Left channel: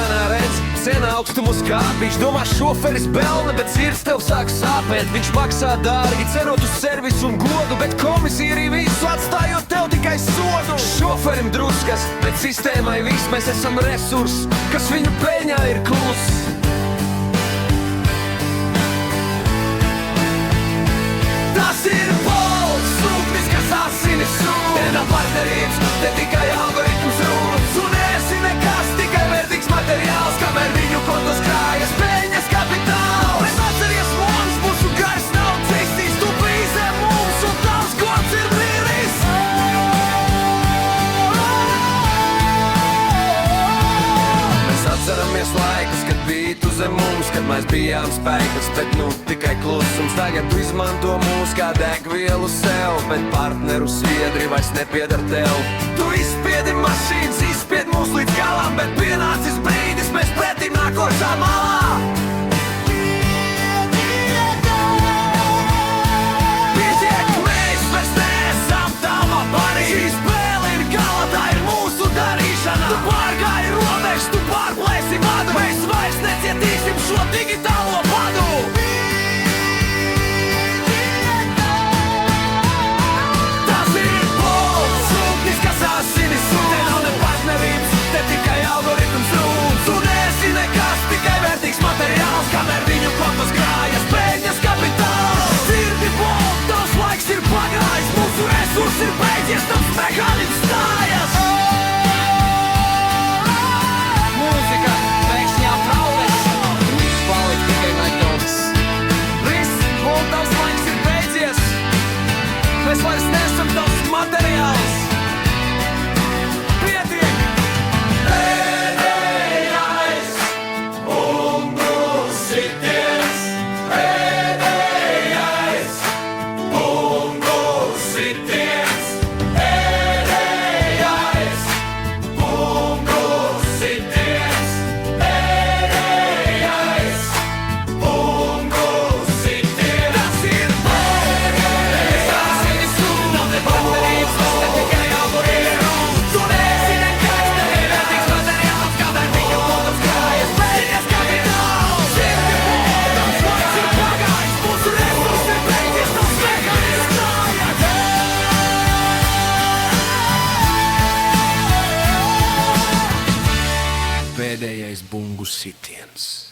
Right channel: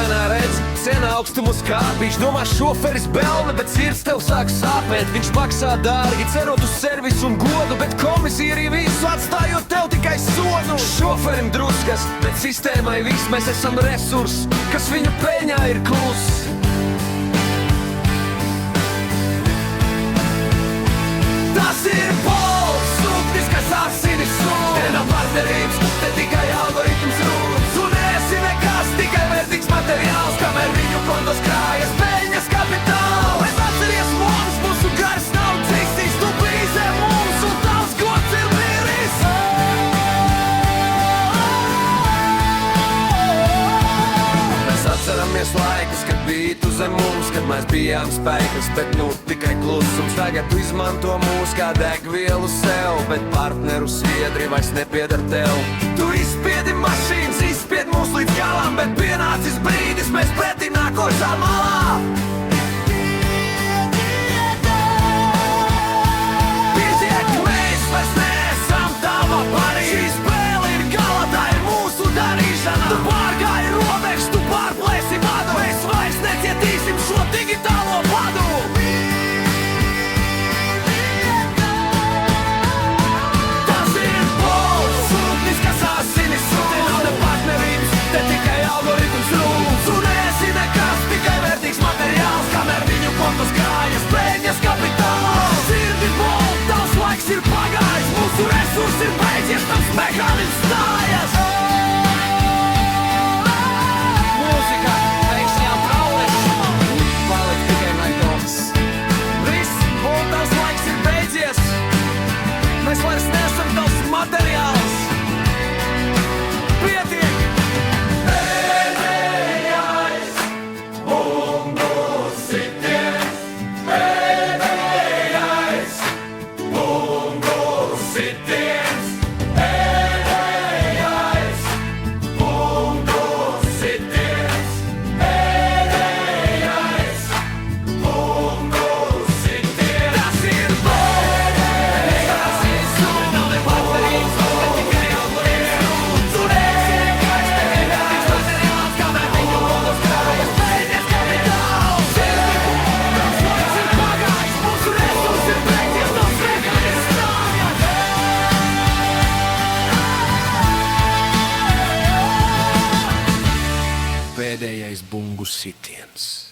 Ekrānā redz, sen augstumu skāp. Viņš domā šoferis belne, bet sirds tev sāk sāpēt. Viņš maksā dārgi, cerot uz servisu un godu, bet komisija arī visu atstājot tev tikai sodu. Šoferim druskas, bet sistēmai viss. Mēs esam resurs, kas viņu peļņā ir kluss. Tas ir pols, sūknis, kas asinis sūd. Te nav partnerības, te tikai algoritms rūd. Un esi nekas, tikai vērtīgs materiāls, kamēr viņu kontos krājas peļņas kapitāls. Bet atceries mums, mūsu gars nav dzīstīs, tu bīzē mums un tavs gods ir miris. Mēs atceramies laikus, kad bija tu zem mums, kad mēs bijām spēkas, bet nu tikai klusums. Tagad tu izmanto mūs kā degvielu sev, bet partneru sviedri vairs nepiedar tev. Tu izspiedi mašīnas, izspied mūs līdz galam, bet pienācis brīdis, mēs pretim nākošā malā. Pietiek, mēs vairs neesam tava parī. Šī spēle ir gala, tā ir mūsu darīšana. Tu pārgāji robežu, tu pārplēsi vadu. Mēs vairs necietīsim šo digitālo badu. Tas ir pols, sūknis, kas asinis sūd. Te nav ne partnerības, te tikai algoritms rūd. Un esi nekas, tikai vērtīgs materiāls, kamēr viņu kontos krājas peļņas kapitāls. Sirdi bol, tavs laiks ir pagājis, mūsu resurs ir beidzies, tavs mehānisms stājas. Mūzika, pēkšņām prauleši, palikt tikai naidovs. Viss, bol, tavs laiks ir beidzies. Mēs vairs neesam tavs materiāls. Pietiek! Pēdējais bungu sitiens. Pēdējais bungu sitiens. Pēdējais bungu sitiens. Pēdējais bungu sitiens. Tas ir pēdējais, tas ir sūd. Nav ne partnerības, bet tikai algoritms rūd. Tu neesi nekas, tikai vērtīgs materiāls, kamēr viņu kontos krājas peļņas kapitāls. Sirdi bol, tavs laiks ir pagājis, mūsu resurs ir beidzies, tavs mehānisms stājas. Pēdējais bungu sitiens.